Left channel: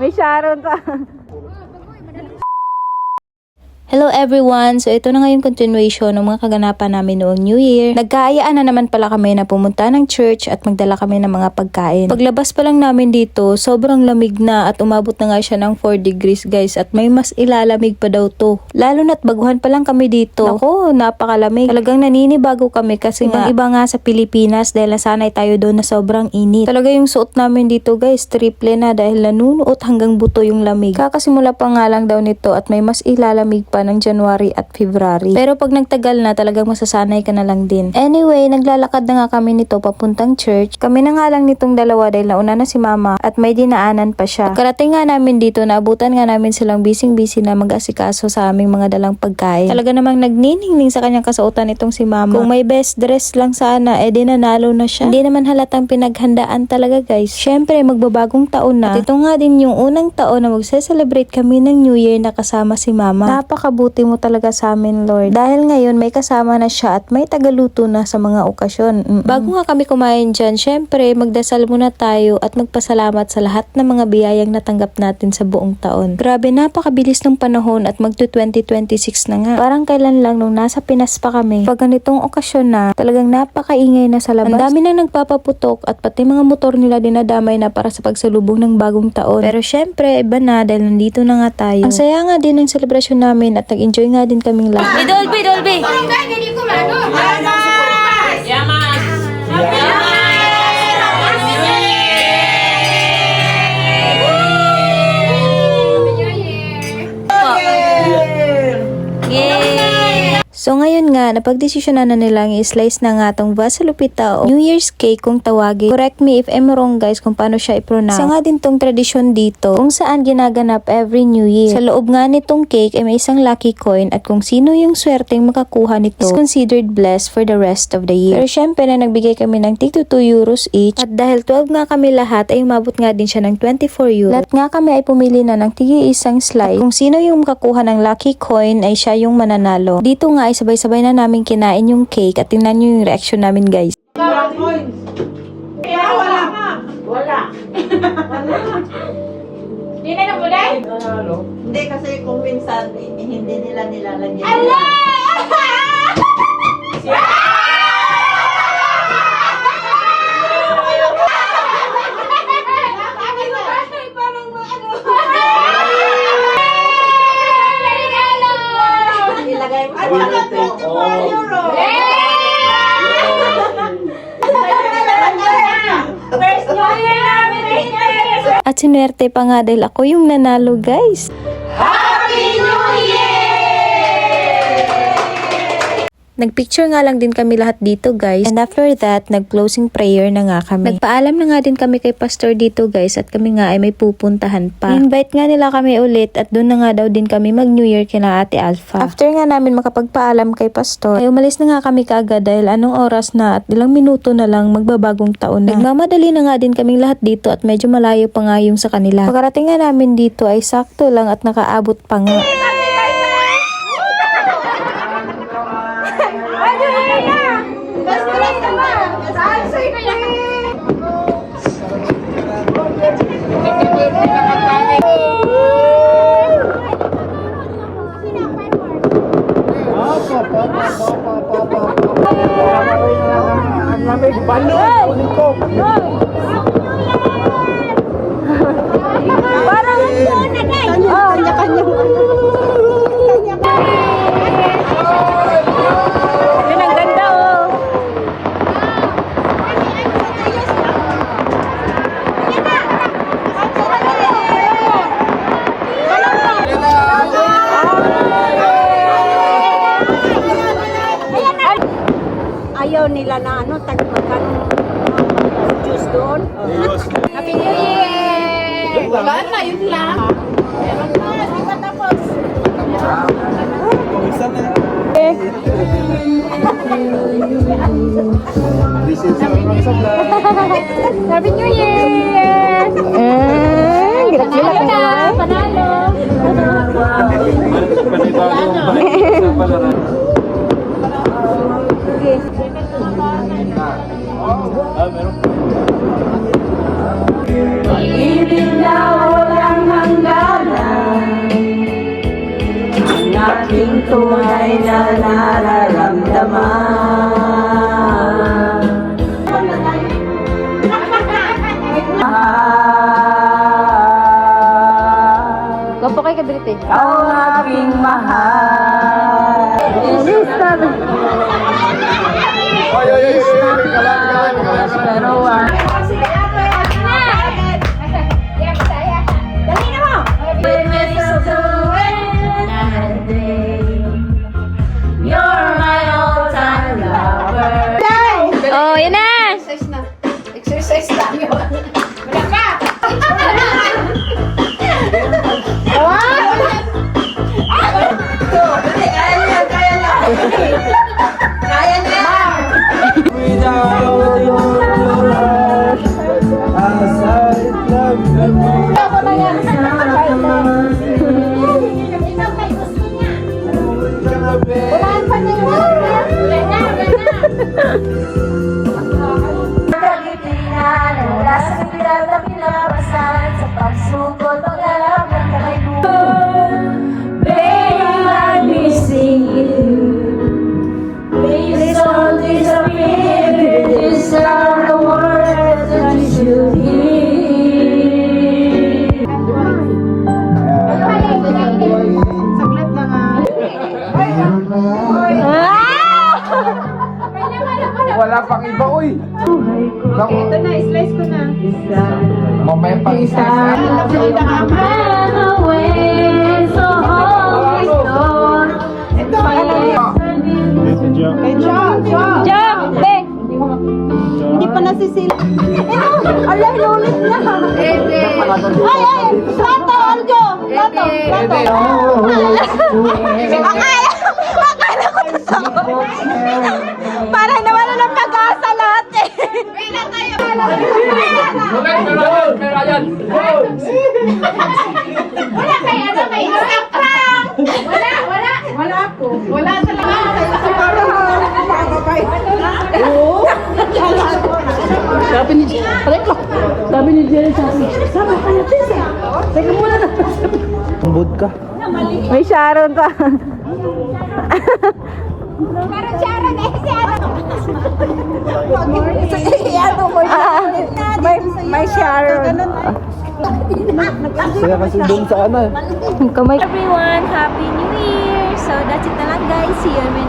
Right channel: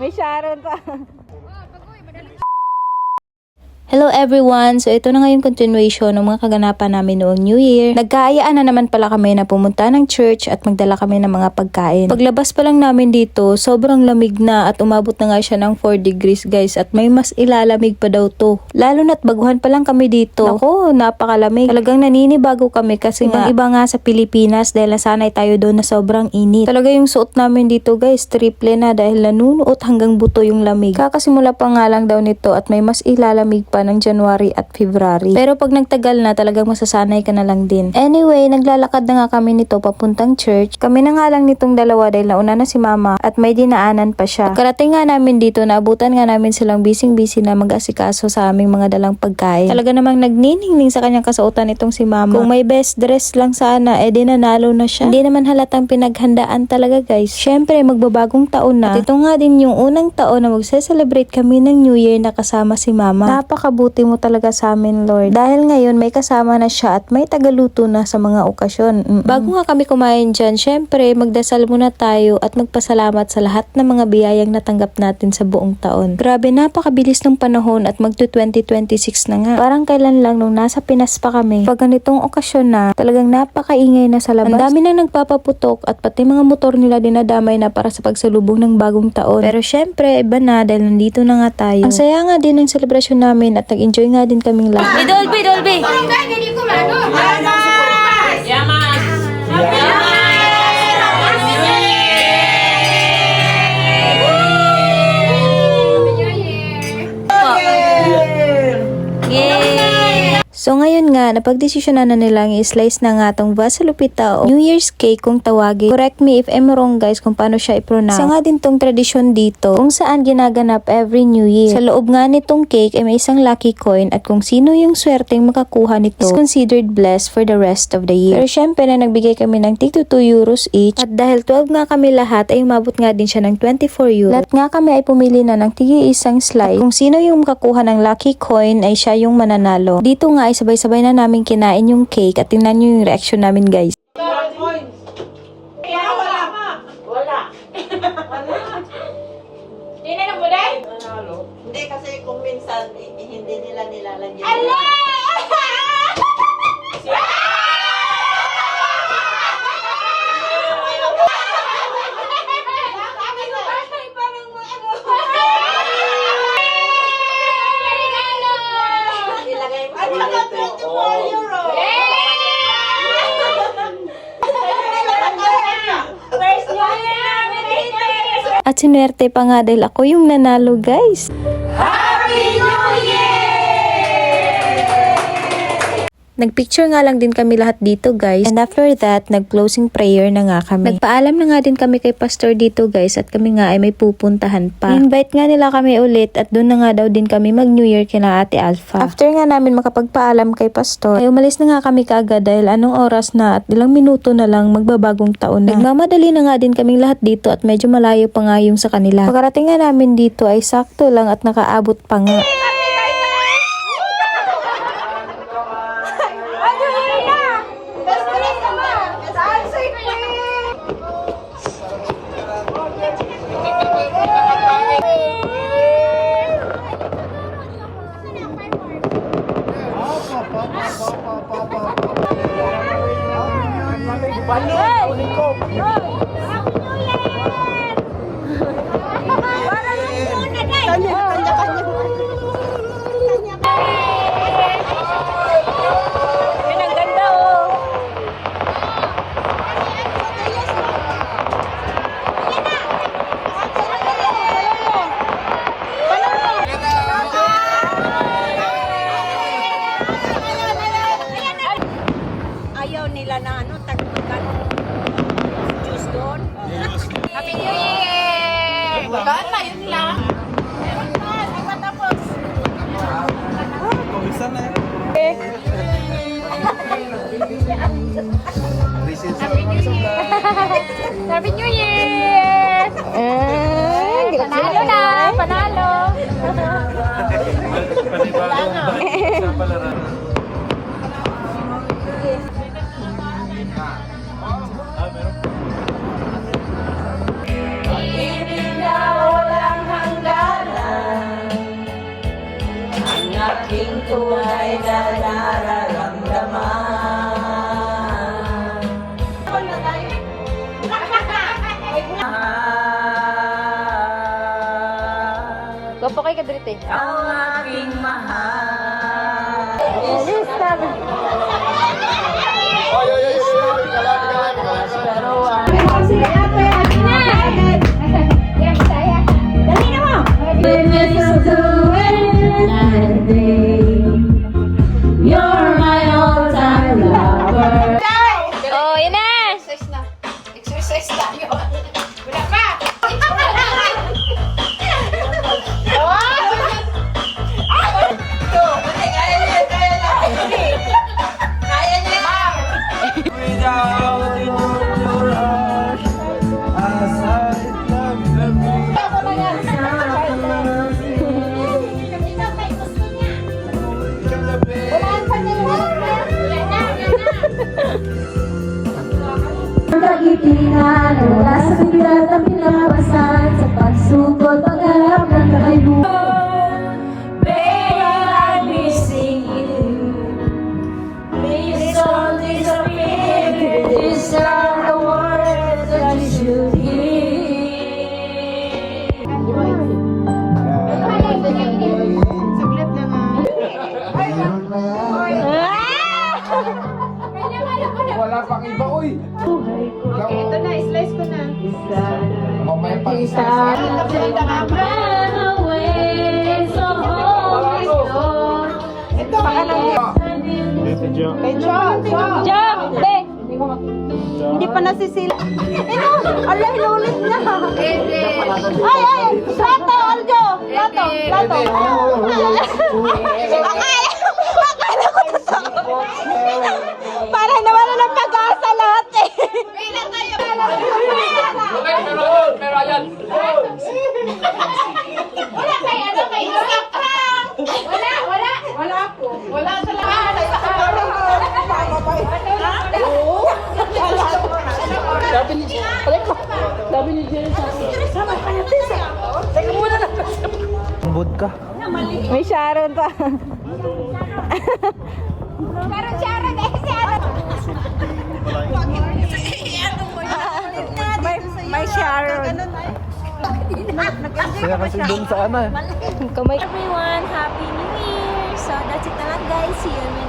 May Sharon pa. Hello everyone! So ito na nga yung continuation ng mga kaganapan namin noong New Year. Nagkaayaan na naman pala kami na pumunta ng church at magdala kami ng mga pagkain. Paglabas pa lang namin dito, sobrang lamig na at umabot na nga siya ng 4 degrees guys at may mas ilalamig pa daw to. Lalo na't baguhan pa lang kami dito. Naku, napakalamig. Talagang naninibago kami kasi nga iba nga sa Pilipinas dahil nasanay tayo doon na sobrang init. Talaga yung suot namin dito guys, triple na dahil nanunuot hanggang buto yung lamig. Kakasimula pa nga lang daw nito at may mas ilalamig pa ng January at February. Pero pag nagtagal na, talagang masasanay ka na lang din. Anyway, naglalakad na nga kami nito papuntang church. Kami na nga lang nitong dalawa dahil nauna na si mama at may dinaanan pa siya. Pagkarating nga namin dito, naabutan nga namin silang busy na mag-asikaso sa aming mga dalang pagkain. Talaga namang nagniningning sa kanyang kasuotan itong si mama. Kung may best dress lang sana, di nanalo na siya. Hindi naman halatang pinaghandaan talaga guys. Syempre, magbabagong taon na. At ito nga din yung unang taon na magse-celebrate kami ng New Year na kasama si mama. Napakabuti mo talaga sa amin, Lord. Dahil ngayon may kasama na siya at may tagaluto na sa mga okasyon. Bago nga kami kumain dyan, syempre magdasal muna tayo at magpasalamat sa lahat ng mga biyayang natanggap natin sa buong taon. Grabe, napakabilis ng panahon at magto 2026 na nga. Parang kailan lang nung nasa Pinas pa kami. Pag ganitong okasyon na, talagang napakaingay na sa labas. Ang dami nang nagpapaputok at pati mga motor nila dinadamay na para sa pagsalubong ng bagong taon. Pero syempre, iba na dahil nandito na nga tayo. Ang saya nga din ng selebrasyon namin at nag-enjoy nga din kaming lahat. Dolby! So ngayon nga, napagdesisyonan na nilang i-slice na nga tong vasalupita o New Year's cake kung tawagin. Correct me if I'm wrong guys kung paano siya i-pronounce. Isa nga din tong tradisyon dito kung saan ginaganap every New Year. Sa loob nga nitong cake ay may isang lucky coin at kung sino yung swerteng makakuha nito is considered blessed for the rest of the year. Pero syempre na nagbigay kami ng tig to 2 euros each at dahil 12 nga kami lahat ay umabot nga din siya ng 24 euros. Lahat nga kami ay pumili na ng tigi isang slice. At kung sino yung makakuha ng lucky coin ay siya yung mananalo. Dito nga ay sabay-sabay na namin kinain yung cake at tingnan nyo yung reaction namin guys. Hindi na kulay? Hindi kasi kung minsan hindi nila nilalagyan. Ilagay mo. At sinuwerte pa nga dahil ako yung nanalo guys. Nagpicture nga lang din kami lahat dito guys. And after that, nag-closing prayer na nga kami. Nagpaalam na nga din kami kay pastor dito guys at kami nga ay may pupuntahan pa. Invite nga nila kami ulit at doon na nga daw din kami mag-New Year kina Ate Alpha. After nga namin makapagpaalam kay pastor, ay umalis na nga kami kaagad dahil anong oras na at ilang minuto na lang magbabagong taon na. Nagmamadali na nga din kaming lahat dito at medyo malayo pa nga yung sa kanila. Pagkarating nga namin dito ay sakto lang at nakaabot pa nga. Ayaw nila na tagpagan. Juice doon. Happy New Year! Wala na, yun lang. Meron na, di pa tapos. Happy New Year! Panalo na! Panalo! Panibagong balik sa palaran. na nararamdaman. Gopo kay Kadrite. Ang aking mahal. Oh, yun na! Wala pang iba, uy! Ito na, slice ko na. Mamaya pang isa. Jump! Beng! Hindi pa nasisil. Ala, inulit na. Ay! Plato, Aljo! Plato! Para hindi wala nang pag-asa lahat eh. Wala tayo. Wala kayo, ano, may isang prank. Wala ako. Wala talaga. Bud ka. May Sharon pa. Sharon, Iyato mo siya. May Sharon. Kaya kasi doon sa ano eh. Kamay. Everyone, Happy New Year! So that's it na lang guys. See you in my